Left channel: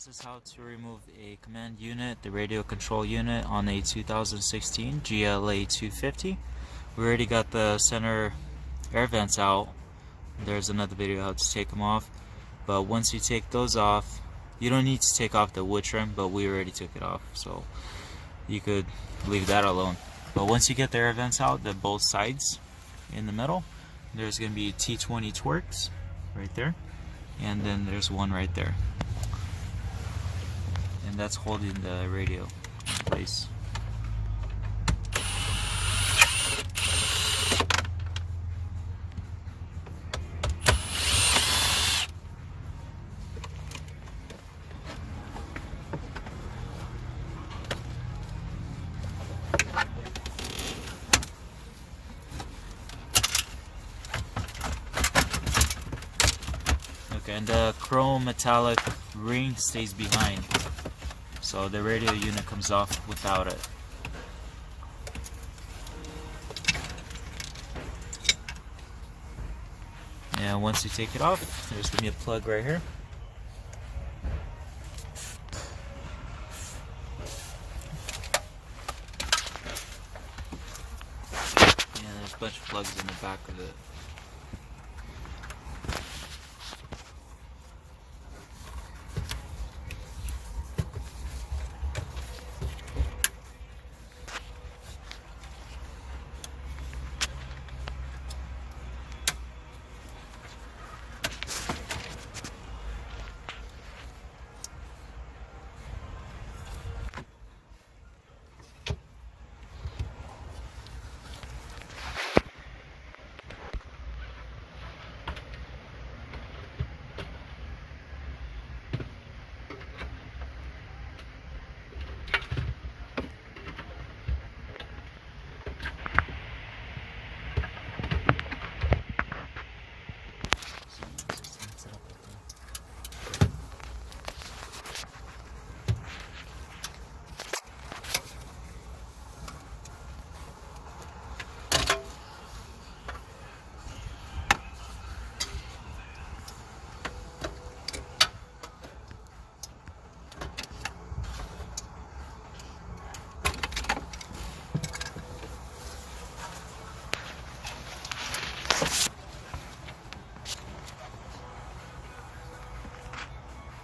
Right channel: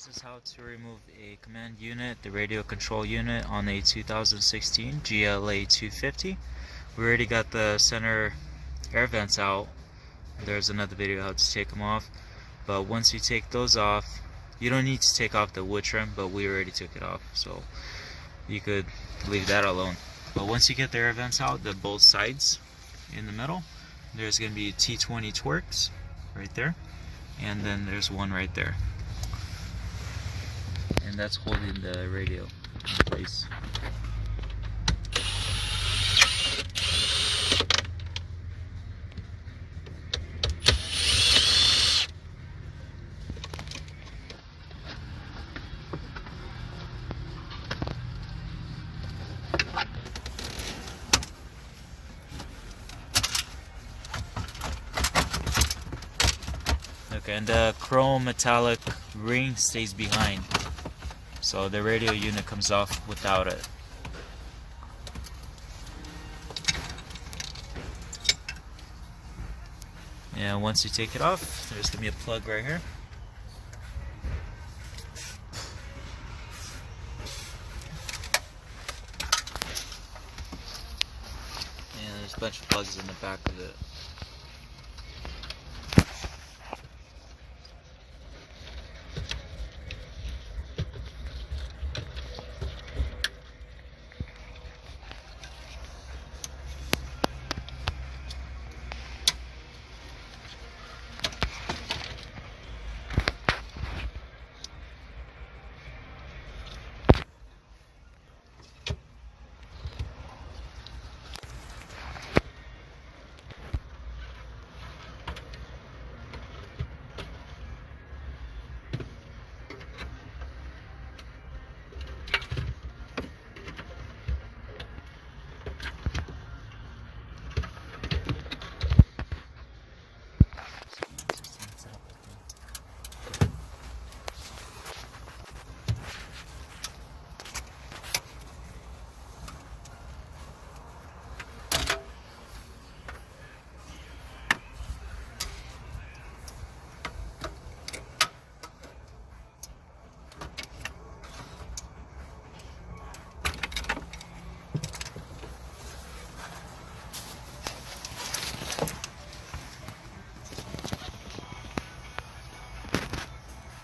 This is how to remove a command unit, the radio control unit, on a 2016 GLA250. We already got the center air vents out. There's another video how to take them off. But once you take those off, you don't need to take off the wood trim, but we already took it off, so you could leave that alone. But once you get the air vents out, the both sides in the middle, there's going to be T20 Twerks right there, and then there's one right there. And that's holding the radio in place. Okay, and the chrome metallic ring stays behind, so the radio unit comes off without it. And once you take it off, there's going to be a plug right here. And there's a bunch of plugs in the back of it.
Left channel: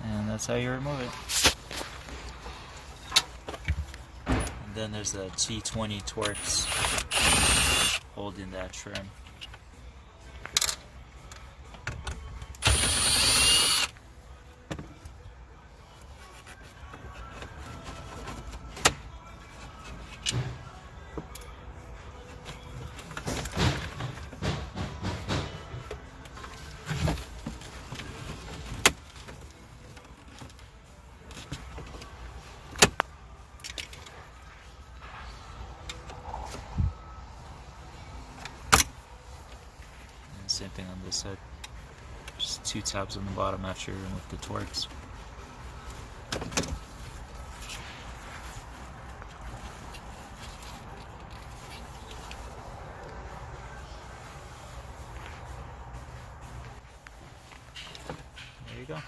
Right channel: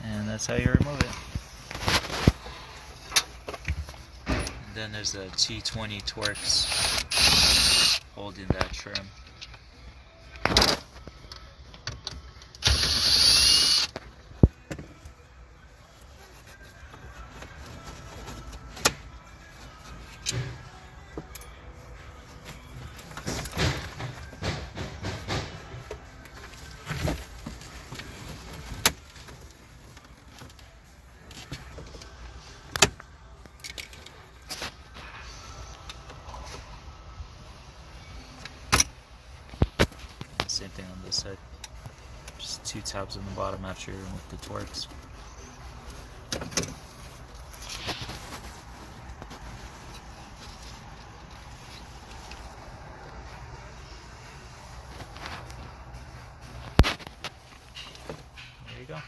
And that's how you remove it. And then there's the T20 Twerks holding that trim. Same thing on this side. Just two tabs on the bottom after you're in with the Twerks. There you go.